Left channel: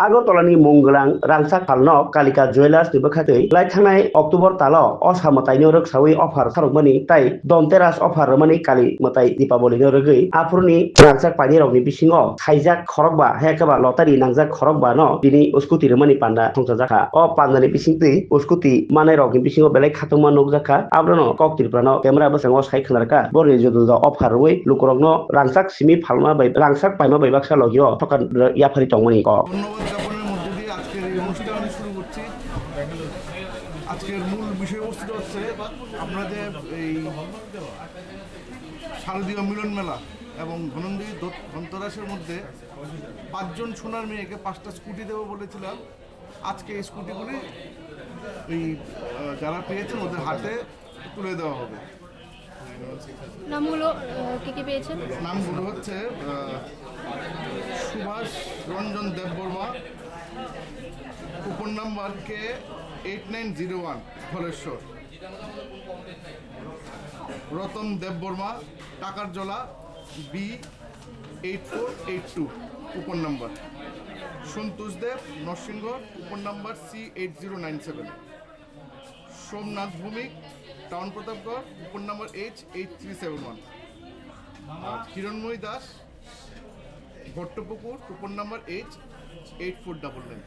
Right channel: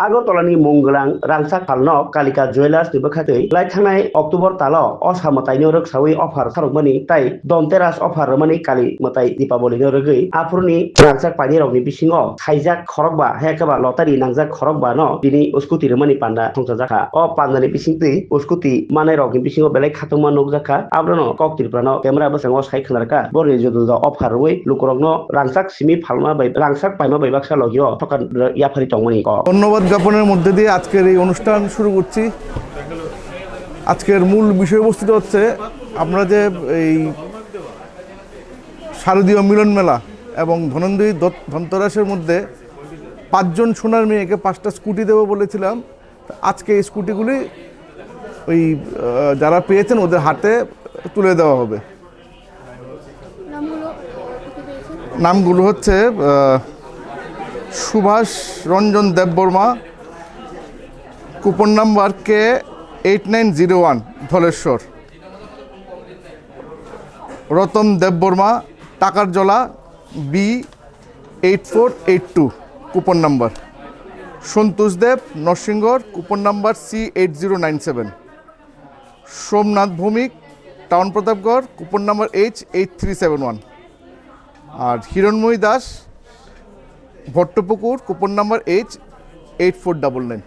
আগরতলাनि मंगलां रांसाक फालनक कालिका ज्वेलार्स नि बखातै लाइथांनाय अक्ट'बर ताल असामतायनि रोखसावै अफार सारकमानि ताई दन्तेरास अफार रमानि काली मताई दीपावलिनि रगै आफुरनि रांसाक पानि रगनि बिसिङाव खाइजाक खरकबा हेकाबा लतारि नांजाक खरकबा न दिनि उसकुति रमानि पान्दा संसा जाखा अ पान्दानि बिसिंतै उसकुति मानाय रगनि बिसिङाव बेलाय खातुमा नुक जाखा आब्रनो कक्तिरफ्रानो केमेरा बसाङाव साइ खोनारका बरनि जुदु अफार वै लुकरगनो रांसाक सिमि फालमा बाय रांसाक पाइमा बायबाक्सा लगियो थकान याफारि तंमनि क ধন্যবাদ জ্ঞাপনের মধ্যে দিয়ে আজকের এই অনুষ্ঠান শুরু করছি। আজকের মূল বিষয়বস্তুটা হচ্ছে আমরা যে এই শারদীয় মিলন মেলা এবং ধনঞ্জয়ী ধনতেরাসের মধ্যে 5 জন সোনার মেয়েকে 5টা স্কুটি দেবো বলেছিলাম। আজকে এই স্কুটিগুলি ওই যারা পেয়েছেন ওদের হাতে তুলে দেওয়া হবে। নামগুলো হচ্ছে Subhash Ranjan Debbarma, coupon number K8901 Dhaleshwar, Ratan Debbarma Takarjala B8482 coupon number, Santosh Deb Narsingarh coupon number C8097, Somnath Bhowmik town Pratapgarh coupon number H8371 আর Hiranmoyee Das Bhattapukur coupon number H8499।